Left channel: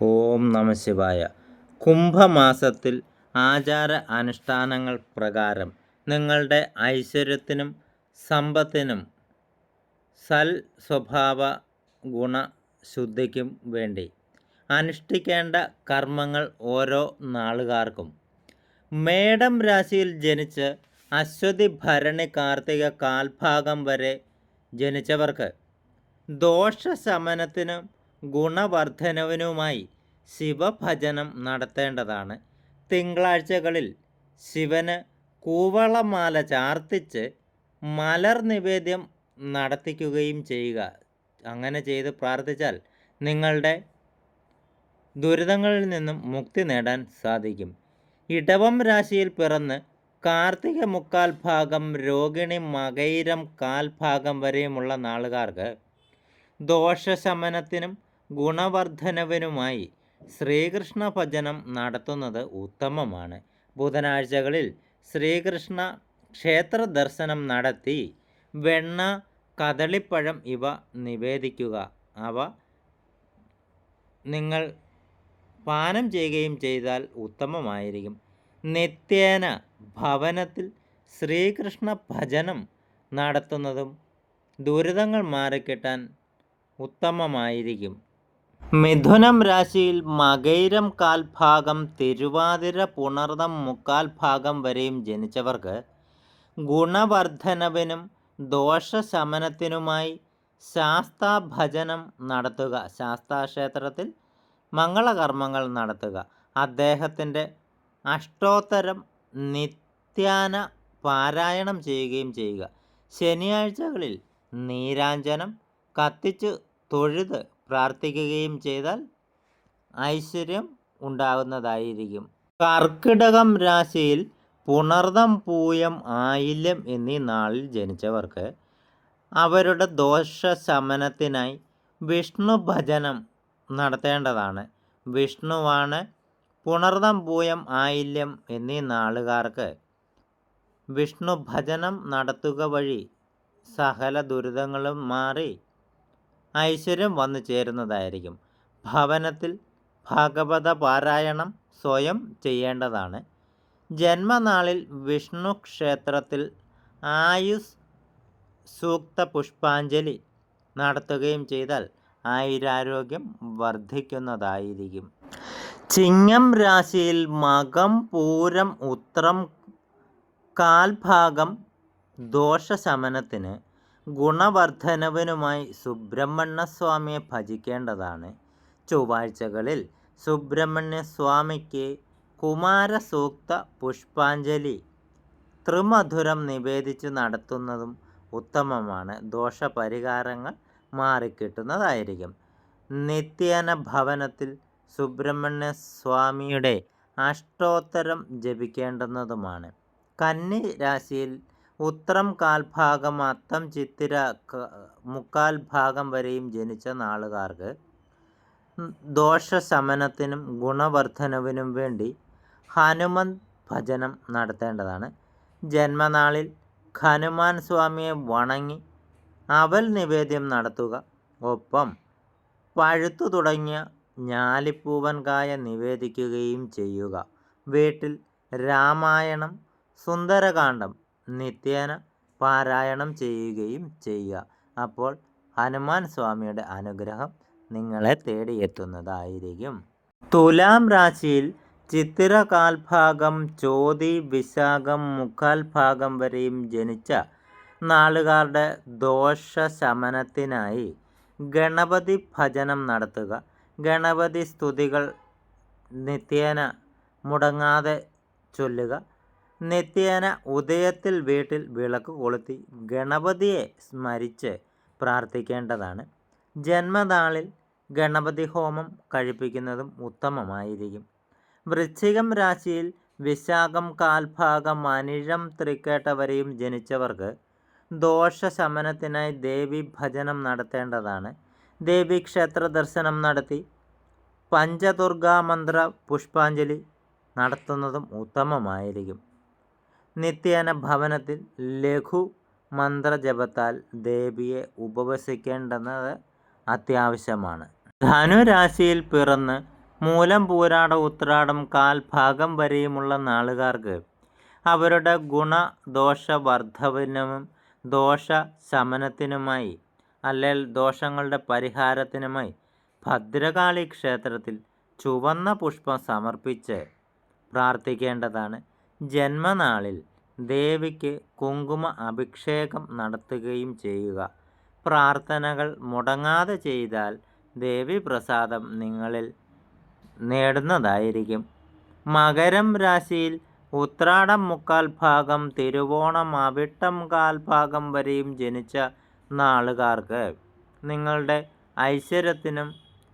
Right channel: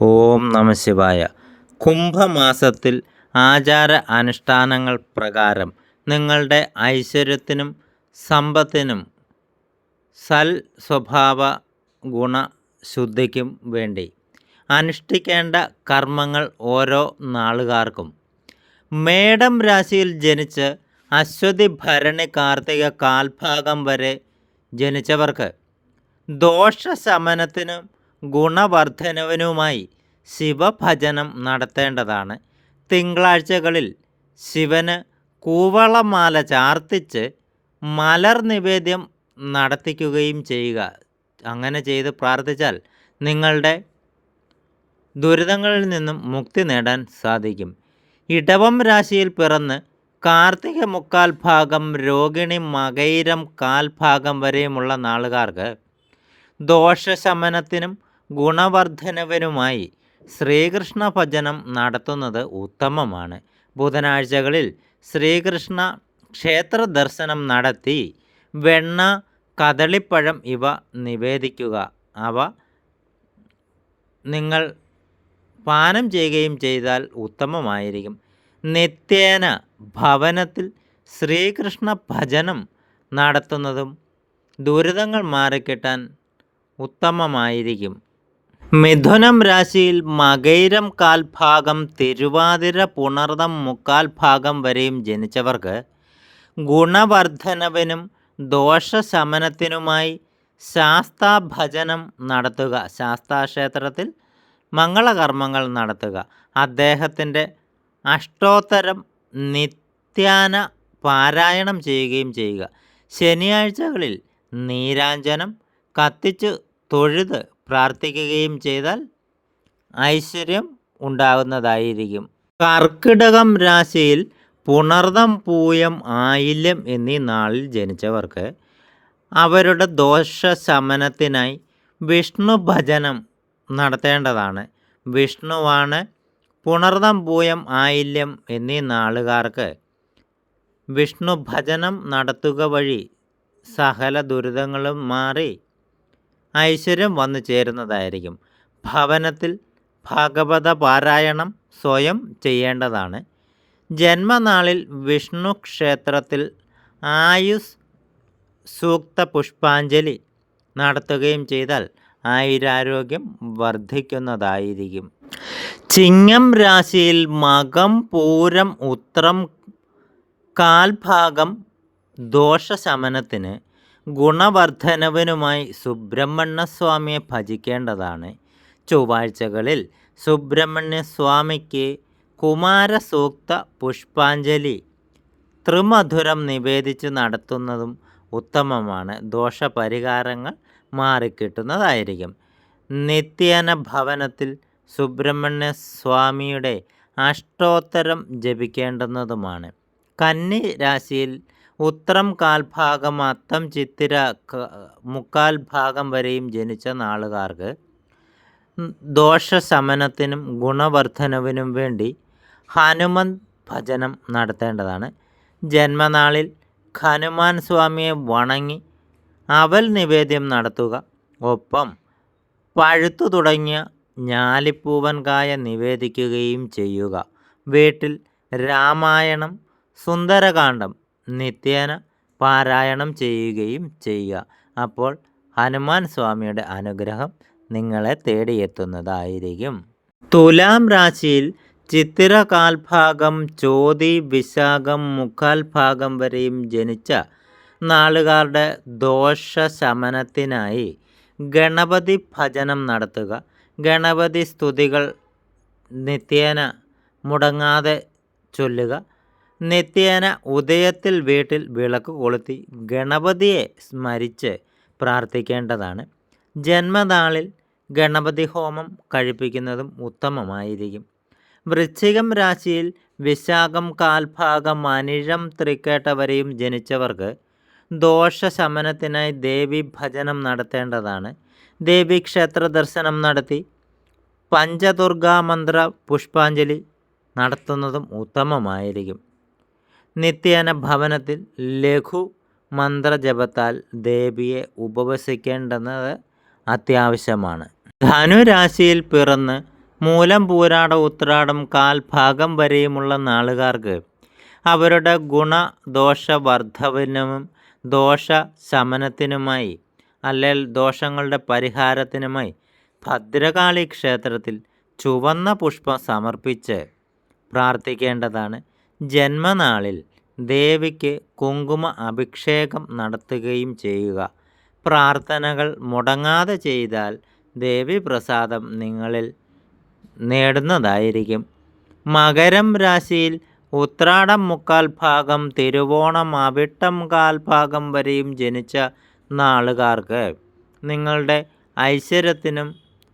ഓം നമ ശിവായ. കുംഭമാസത്തിൽ ആചാര അനുഷ്ഠാനങ്ങൾ പ്രകാരം നിങ്ങളുടെ ഐശ്വര്യത്തിനും സമ്പത്തിനും സൽ സ്വഭാവ ഗുണശുദ്ധിക്കും വേണ്ടി അനുഷ്ഠിക്കേണ്ട കർമ്മങ്ങൾ ഓരോ നാളുകാർക്കും. മേടം രാശിയിൽ ജനിച്ച് അശ്വതി ഭരണി കാർത്തിക കാൽഭാഗം വരെ ജനിച്ചവർക്ക് ദോഷശമനത്തിനും ഗുണവർദ്ധനവിനുമായി ശിവഭജനം നടത്തേണ്ടതാണ്. തിങ്കളാഴ്ചകളിൽ ശിവന് കൂവളമാല ചാർത്തിച്ച് മലർ നിവേദ്യം നടത്തിക്കുകയും ചെയ്യുക. അങ്ങനെ ചെയ്ത് പ്രാർത്ഥിച്ചാൽ നിങ്ങളുടെ ദുരിതങ്ങളിൽ നിന്നും മുക്തി നേടാൻ സാധിക്കും. ഇടവം രാശിയിൽ പിറന്ന് കാർത്തിക മുക്കാൽ ഭാഗം രോഹിണി മകൈരം കാൽഭാഗം വരെയുമുള്ള നാളുകാർക്ക് ദോഷശമനത്തിനും ഗുണവർദ്ധനവിനുമായി ശ്രീകൃഷ്ണ ഭജനം നടത്തുന്നത് ഉത്തമമാണ്. ബുധനാഴ്ചകളിൽ ശ്രീകൃഷ്ണ ക്ഷേത്ര ദർശനം നടത്തി വെണ്ണ കദളിപ്പഴം ഇവ നിവേദിക്കുക. അവ നിങ്ങൾ പാനം ചെയ്യുകയും ചെയ്താൽ ഉത്തമമായിരിക്കും. നിത്യേന ഭവനത്തിൽ ശ്രീകൃഷ്ണ ഭജനം നടത്തുന്നതും ദുരിതങ്ങൾ മാറിക്കിട്ടാൻ ഉത്തമമായിരിക്കും. മിഥുനം രാശിയിൽ മകൈരം കാൽഭാഗം തിരുവാതിര പുണർദം മുക്കാൽ ഭാഗം വരെയും ജനിച്ചവർക്ക് ഗുണവർദ്ധനവിനും ദോഷശമനത്തിനുമായി ശാസ്താഭജനം നടത്തുക. ശാസ്താക്ഷേത്രത്തിൽ മംഗളകർമ്മങ്ങൾ നടത്തുക. അദ്ദേഹത്തിന്റെ അഷ്ടോത്തരം നിത്യാന പാരായണം ചെയ്യുകയും ചെയ്യുക. ശനിയാഴ്ചകളിൽ നീരാഞ്ജനം കത്തിച്ച് തൊഴുത് പ്രാർത്ഥിക്കുകയും ചെയ്താൽ ഐശ്വര്യം ഉണ്ടാകുന്നതായിരിക്കും. കർക്കിടകം രാശിയിൽ പുണർദം പൂയം ആയില്യം എന്നീ നാളിൽ ജനിച്ചവർക്ക് അവരുടെ ദോഷ ശമനത്തിനായി വിഷ്ണു ഭജനം നടത്തേണ്ടതാണ്. വിഷ്ണുവാണ് പുണർദം പൂയം ആയില്യം എന്നീ നാളുകാർക്ക് വിഷ്ണു ഭജനം നടത്തുക വഴി സകല ദുരിതങ്ങളും മാറി ഐശ്വര്യം വന്നു ചേരുന്നതായിരിക്കും. ഭവനത്തിൽ ഭഗവത പാരായണം സ്വയം ചെയ്യേണ്ടതാണ്. ജന്മനാളിൽ വിഷ്ണു ക്ഷേത്രത്തിൽ ആയുസ് സൂക്ത പുഷ്പാഞ്ജലി നടത്തുകയും ചെയ്താൽ ആയുരാരോഗ്യം വർദ്ധിക്കുന്നതായിരിക്കും. ചിങ്ങം രാശിയിൽ മകം പൂരം ഉത്രം കാൽഭാഗം ദോഷശമനത്തിന് ഗുണവർദ്ധനവിനുമായി സുബ്രഹ്മണ്യസ്വാമിയെ ഭജിക്കേണ്ടതാണ്. ചൊവ്വാഴ്ചകളിൽ സുബ്രഹ്മണ്യസ്വാമിക്ക് കുമാരസൂക്ത പുഷ്പാഞ്ജലി ത്രിമധുരം നിവേദിച്ച് നടത്തുന്നതും ഉത്തമമാണ്. ദോഷപരിഹാരങ്ങൾ മാറിക്കിട്ടുന്നതായിരിക്കും. നിത്യേന ഭവനത്തിൽ സുബ്രഹ്മണ്യ സ്വാമിയുടെ അഷ്ടോത്തരം ജപിക്കേണ്ടുന്നതുമാണ്. കന്നി രാശിയിൽ ഉത്രം കാൽഭാഗം അത്തം ചിത്തിര മുക്കാൽ ഭാഗം വരെയും ജനിച്ച നാളുകാർക്ക് ദോഷശമനത്തിനും ഗുണവർദ്ധനവിനും വേണ്ടി ഹനുമന്ത് ഭജനം നടത്തേണ്ടതാണ്. ജന്മനാളിൽ ഹനുമാൻ സ്വാമിയെ വണങ്ങി അവൽ നിവേദ്യം നടത്തുക. ഒപ്പം പഴുത്തു തുടങ്ങിയ ഞാലിപ്പൂവൻ കായ നിവേദിക്കുകയും ചെയ്യുക. വീട്ടിൽ രാമായണം സുന്ദരകാന്ഡം നിത്യേന പാരായണം ചെയ്യുകയും ചെയ്യുക. അപ്പോൾ ഹനുമാൻ സ്വാമിയുടെ അനുഗ്രഹം നിങ്ങളെ തേടിയെത്തുന്നതായിരിക്കും. തുലാം രാശിയിൽ ചിത്തിര കാൽഭാഗം ചോതി വിശാഖം മുക്കാൽ ഭാഗം വരെയും ജനിച്ച നാളുകാരുടെ ദോഷശമനത്തിനായി ഗണപതി ഭജനം നടത്തുക. ഗണപതി സ്തുതികൾ നിത്യേന മുടങ്ങാതെ ചൊല്ലുക. നിത്യേന ഉദയത്തിൽ വീട്ടിൽ വിളക്ക് കൊളുത്തി ഗണപതിയെ സ്മരിച്ച് പ്രാർത്ഥിക്കേണ്ടതാണ്. ജന്മനാളിൽ ഗണപതി ഹോമം കഴിപ്പിക്കുന്നതും ഉത്തമമായിരിക്കും. വൃശ്ചികം രാശിയിൽ വിശാഖം കാൽഭാഗം അനിഴം തൃക്കേട്ട വരെയും ജനിച്ചവർക്ക് ദോഷശമനത്തിനായി ദേവി ഭജനം നടത്തേണ്ടതാണ്. ദേവി ക്ഷേത്ര ദർശനം നടത്തി പഞ്ചദുർഗാ മന്ത്ര പുഷ്പാഞ്ജലി നടത്തുന്നതും ഉത്തമമായിരിക്കും. നിത്യേന ഭവനത്തിൽ ലഘു മന്ത്രജപത്താൽ ദേവിയെ ഉപവസിക്കേണ്ടുന്നത് അത്യാവശ്യമാണ്. ധനുരാശിയിൽ പിറന്ന് മൂലം പൂരാട ഉത്രാടം കാൽഭാഗം വരെയുമുള്ള നാളുകാർക്ക് അവരുടെ ഗുണദോഷവർദ്ധവിനും ദോഷ ശമനത്തിനുമായി അല്ലെങ്കിൽ ദോഷങ്ങളുടെ പരിഹാരത്തിനുമായി ഭദ്രകാളി ക്ഷേത്രത്തിൽ ചുവന്ന പുഷ്പം സമർപ്പിച്ച് പ്രാർത്ഥിക്കേണ്ടതാണ്. ജന്മനാളിൽ ദേവിക്ക് കുങ്കുമ അഭിഷേകം നടത്തുകയും ചെയ്യുക. പ്രാർത്ഥനകൾ മുടങ്ങാതെ ചെയ്താൽ ദേവി പ്രസാദം നിങ്ങളിൽ നേടുന്നതായിരിക്കും. മകരം രാശിയിൽ ഉത്രാടം മുക്കാൽ ഭാഗം തിരുവോണം അവിട്ടം കാൽ ഭാഗം വരെയും ജനിച്ച നാളുകാർക്ക് നിങ്ങളുടെ ഐശ്വര്യത്തിനും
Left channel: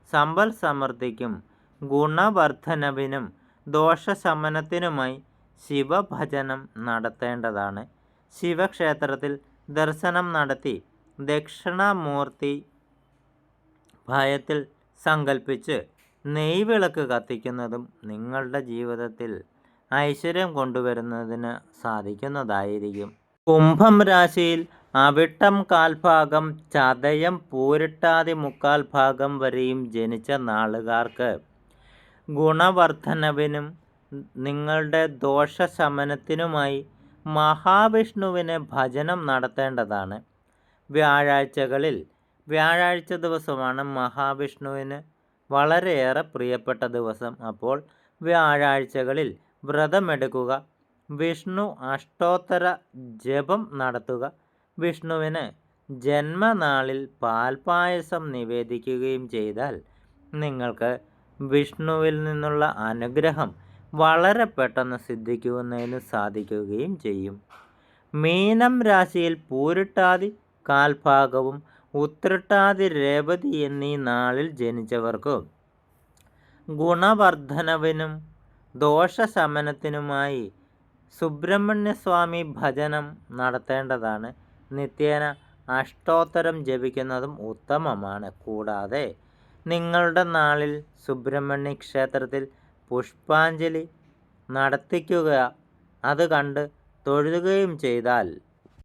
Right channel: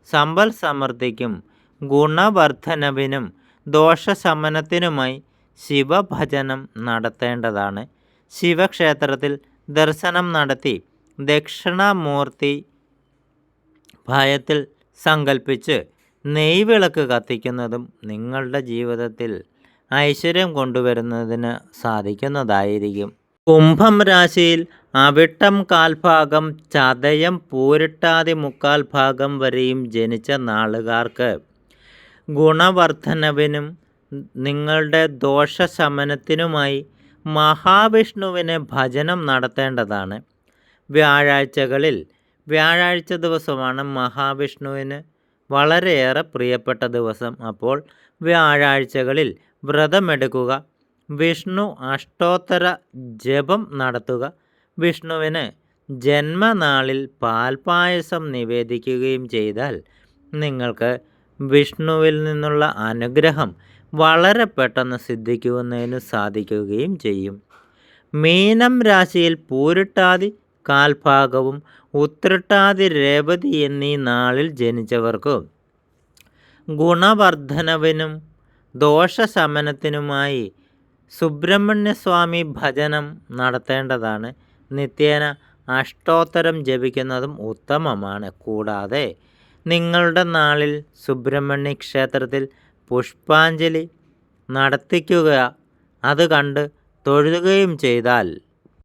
സമ്പൽ സമൃദ്ധിക്കും ഗുണവർദ്ധനവിനും ദോഷശമനത്തിനുമായി ശിവഭജനം നടത്തേണ്ടതാണ്. ശിവക്ഷേത്രത്തിൽ ദർശനം നടത്തി ദക്ഷിണാമൂർത്തി ഭയത്തിൽ സങ്കല്പിച്ച് നെയ്വിളക്ക് കത്തിക്കുന്നതും നിങ്ങളുടെ ജീവിതത്തിൽ ഐശ്വര്യം കൊണ്ടുവരുന്നതിന് സാധിക്കുന്നതായിരിക്കും. കുംഭം രാശിയിൽ അവിട്ടം കാൽഭാഗം ചതയം പൂരിട്ടാതി മുക്കാൽ ഭാഗം വരെയും ജനിച്ച നാളുകാർക്ക് ഗുണവർദ്ധനവിനും നിങ്ങളുടെ ദോഷശമനത്തിനുമായി മഹാവിഷ്ണുവിനെ ഭജനം നടത്തേണ്ടതാണ്. വ്യാഴാഴ്ചകളിൽ വ്യാഴാഴ്ച ദിവസമാണ് മഹാവിഷ്ണുവിന് വളരെയേറെ പ്രിയപ്പെട്ട ദിവസം. അപ്പോൾ വ്യാഴാഴ്ചകളിൽ വ്രതമെടുക്കുക വിഷ്ണു അഷ്ടോത്തര ജപം നടത്തുക വിഷ്ണുവിന് ജന്മനാളിൽ പാൽപായസം നിവേദിക്കുകയും ചെയ്താൽ നിങ്ങൾക്ക് വിഷ്ണുവിൽ നിന്നുള്ള അനുഗ്രഹം വളരെ പെട്ടെന്ന് സിദ്ധിക്കുന്നതിന് സാധിക്കുകയും ചെയ്യും. മീനം രാശിയിൽ പൂരിട്ടാതി കാൽഭാഗവും ഉത്രട്ടാതി രേവതി എന്നീ നാളിൽ ജനിച്ചവർക്ക് ഗുണവർദ്ധനവിനും ദോഷശമനത്തിനുമായി സുബ്രഹ്മണ്യസ്വാമി ഭജനം നടത്തേണ്ടതാണ്. നിത്യേന അഷ്ടോത്തരം ജപിക്കുന്നതും ഉത്തമമാണ്. കൂടാതെ നിങ്ങളുടെ നാളിൽ സുബ്രഹ്മണ്യ ക്ഷേത്രത്തിൽ പുഷ്പാഞ്ജലി നടത്തിക്കുക അത് കണ്ട് തൊഴുകയും ചെയ്താൽ